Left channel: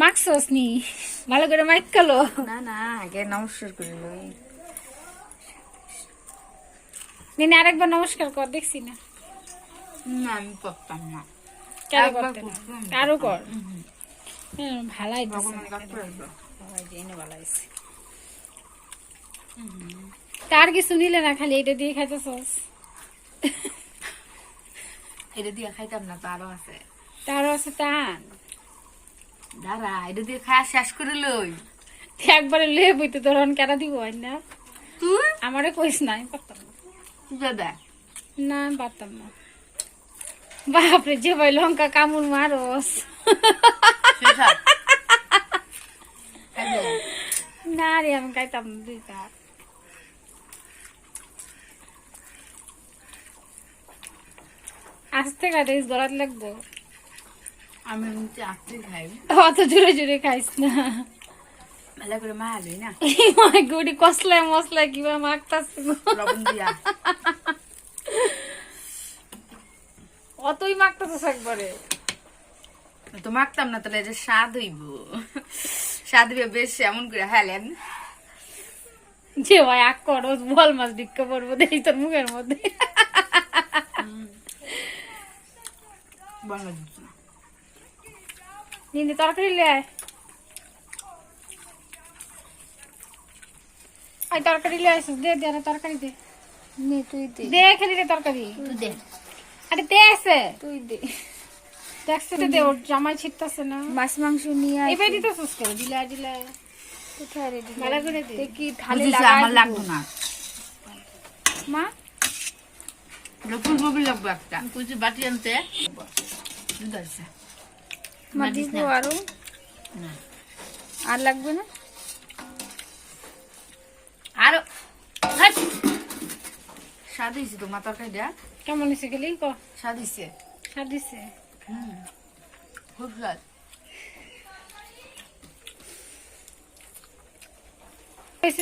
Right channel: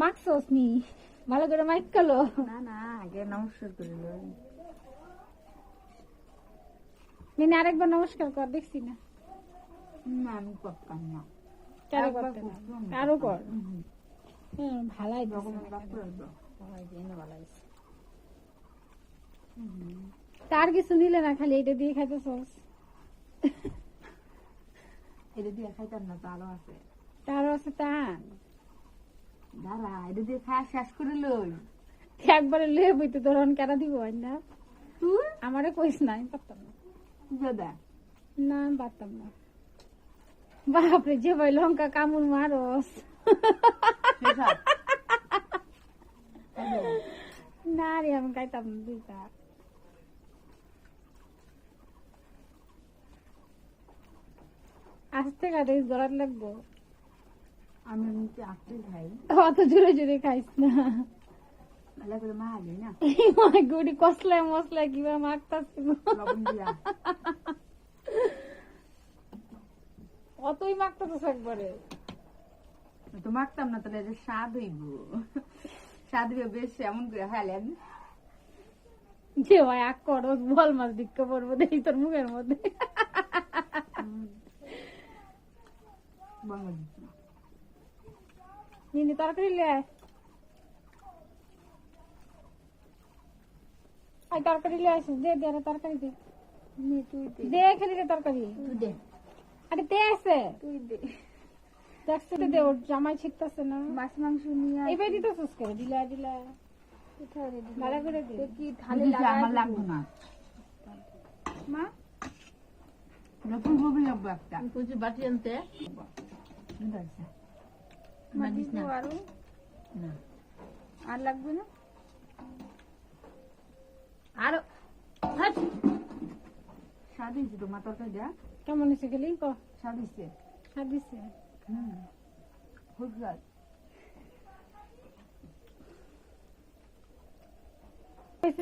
মাখছস নি ভালো করে মাইক কালো। না না আগে নমস্কার করে লই দিনে আরেকবার নমস্কার কর দেখছি না। না আমি করতাম না। কেন করতে না? আরও কর। ভালাই দিছে ভগবান কাকু আসবে বাবা, এই যে এনে ভালো হয়েছে তার কি শুনিলে না খালি এটা দিয়ে খাইতেছস। এটা দিয়ে খাইতাম না তো আরও আছে। তারও আছে টান। দাঁড়া এটা দিয়ে খাওয়া শেষ করে লই। একবারে লে বইতে তোর কেন দিব না? তুই? আমারে কইস না আমি পারতাম না। দাদা। না পারতাম না। বাপরে যে ভাই লঙ্কা কামড় মারস। না রে আমি খাইতাম না দুই কাপ আস্তে খাইতে গলাত লাগবো। আমি খাই অত জোরে জোরে খাইস না। করে মা না? গুড়ি কসলায় মশলায় কিবা অতই একবারে। তো মাখতাম না তাহলে যে স্বাদ হইব। স্বাদ হইবে বেশ এমন করে হেলেন যে ভাই আক করো বল মাছ ভিক্ষা পড়ব দেখি তোর মুখের মধ্যে। বাংলা না নিন্দে তরকারি লে আয়। আয় তরকারি লে আসিস দে দে তরকারি দে। নে তুই দে। দে খেলি দে তরকারি তুই দে। আরে দে আছে তুই দে। দেখছে তো দে ওর জামাই ছিটতাছে না। মাছ মাংস নিয়ে এই ভাই দিতে সুস করে দিলে দিলে কোথায় রে ভালো করে দে। কি থালি আমার লাগতো না। মা? ফুলকপি লাগবে একটা। কুচি বাটি আনতে। আরও না। আর লাগবে না? আরও। স্বাদ হয়েছে তো মাথার কেমন হয়েছে গেলি? ক। স্বাদ হয়েছে? সার দিছে হুম। খুব স্বাদ।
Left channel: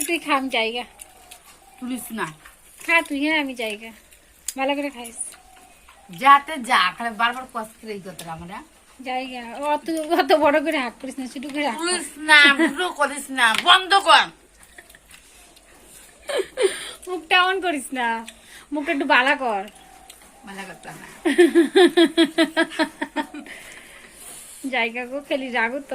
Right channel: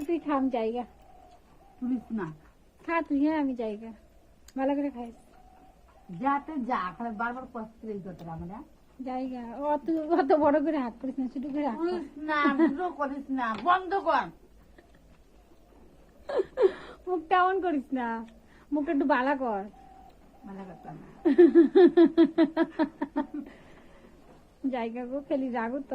তুই খা আমি জায়গা। তুলিস না। খা তুই হ্যাঁ আমি জায়গা। ভালো করে খাইস। যাতে যা খালি বারবার কষ্ট করে এই কথা আমরা জায়গা। অত অত বড় করে হাত করিস না ছোট করে হাত না বুড়ো করিস না বন্ধ কর। মুখটা অন করিস না মুখটা একটু বালা কর। না। জায়গা গো খেলি রাগুত